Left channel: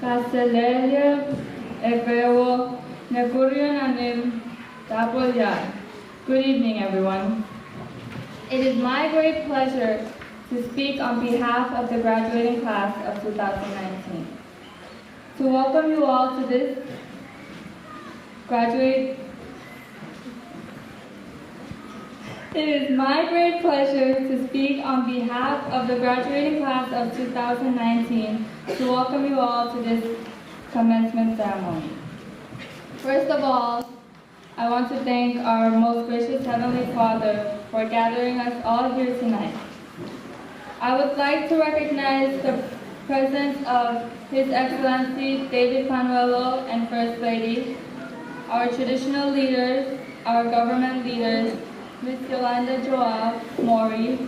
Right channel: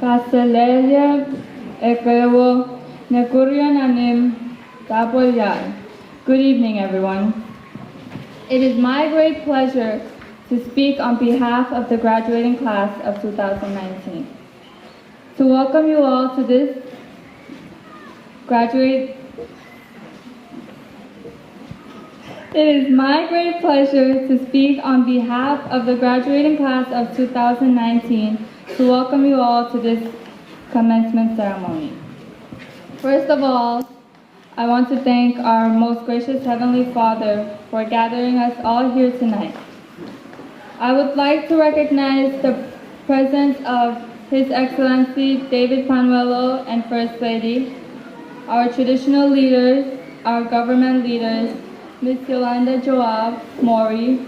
Kaselelia Efewo Nekuriananim Tapoyal. Good evening, everyone. It is my great pleasure to speak on behalf of the graduating class of 2019. To welcome you all to this It is my great pleasure to speak on behalf of the graduating class of 2019 to welcome you all to this commencement ceremony. First of all, I want to thank our most gracious Heavenly Father for gathering us all here tonight. I would like to recognize the presence of His Excellency David Panuelo and First Lady, our traditional leaders, our government leaders, Ms. Yolanda Joab Mori,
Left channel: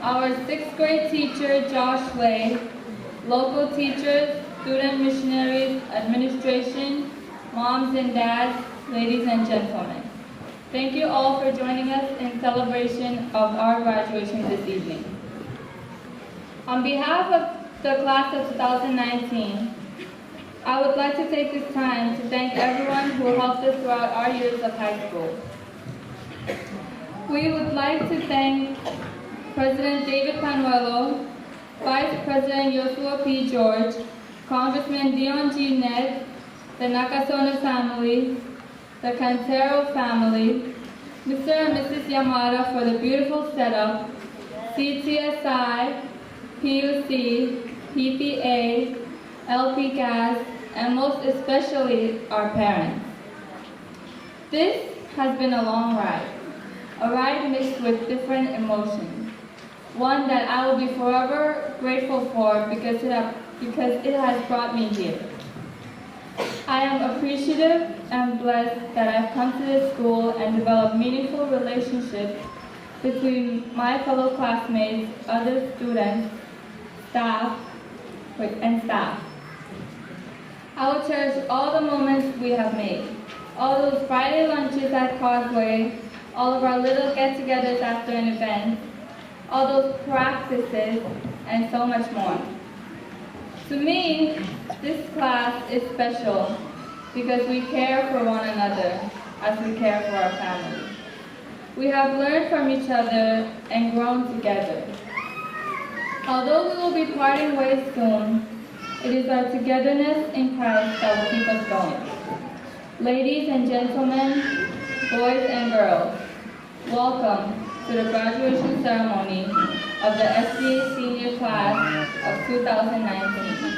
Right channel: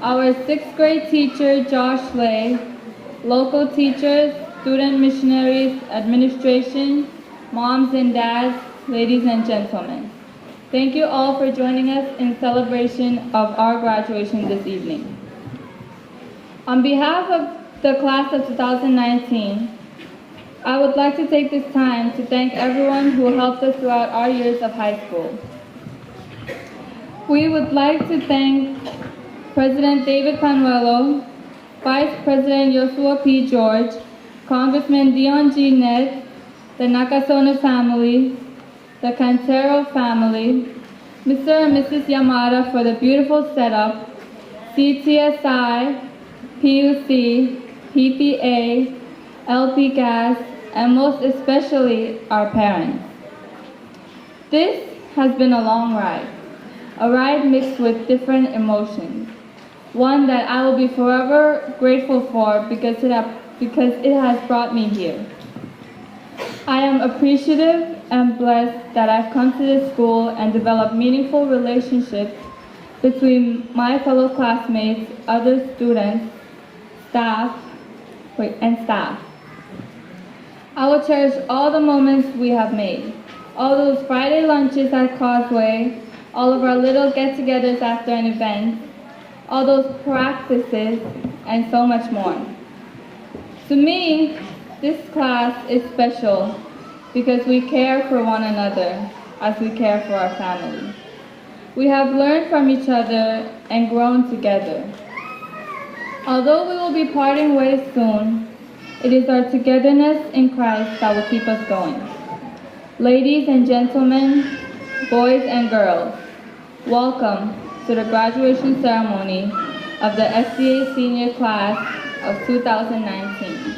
our 6th grade teacher Josh Lay, local teachers, student missionaries, administration, moms and dads, ladies and gentlemen. Thank you all for joining us in celebration of our graduation this evening. On behalf of the class of 2019, I would like to take this time to thank everyone who helped us throughout our years of high school. We would like to thank President David Panuelo, Vice President Joshua P. George, Congressman Dion G. Ned, the Nakasona family, the Cantero family, Mr. and Mrs. Yamada for the beautiful setup, CTSI, PUC, PPA, LP Gas, and most especially our parents. This has been a long ride. A ride mixed with different emotions. One that I will be forever grateful for because it has brought me here. I am appreciative and blessed that I've come to this school and developed meaningful relationships between my fellow classmates, other students, staff. I will cherish all the moments we have made. All those Friday lunches at Causeway, all of our little get-togethers after an event, all those practices, and so much more. To me, this class is special because we care for one another as we care for our family. We have learned from each other and grown together. Although we will be parting ways soon, it is our togetherness in Christ that will keep us going. Ladies and gentlemen, boys and girls, welcome to the graduation ceremony of the SDA senior class of 2019.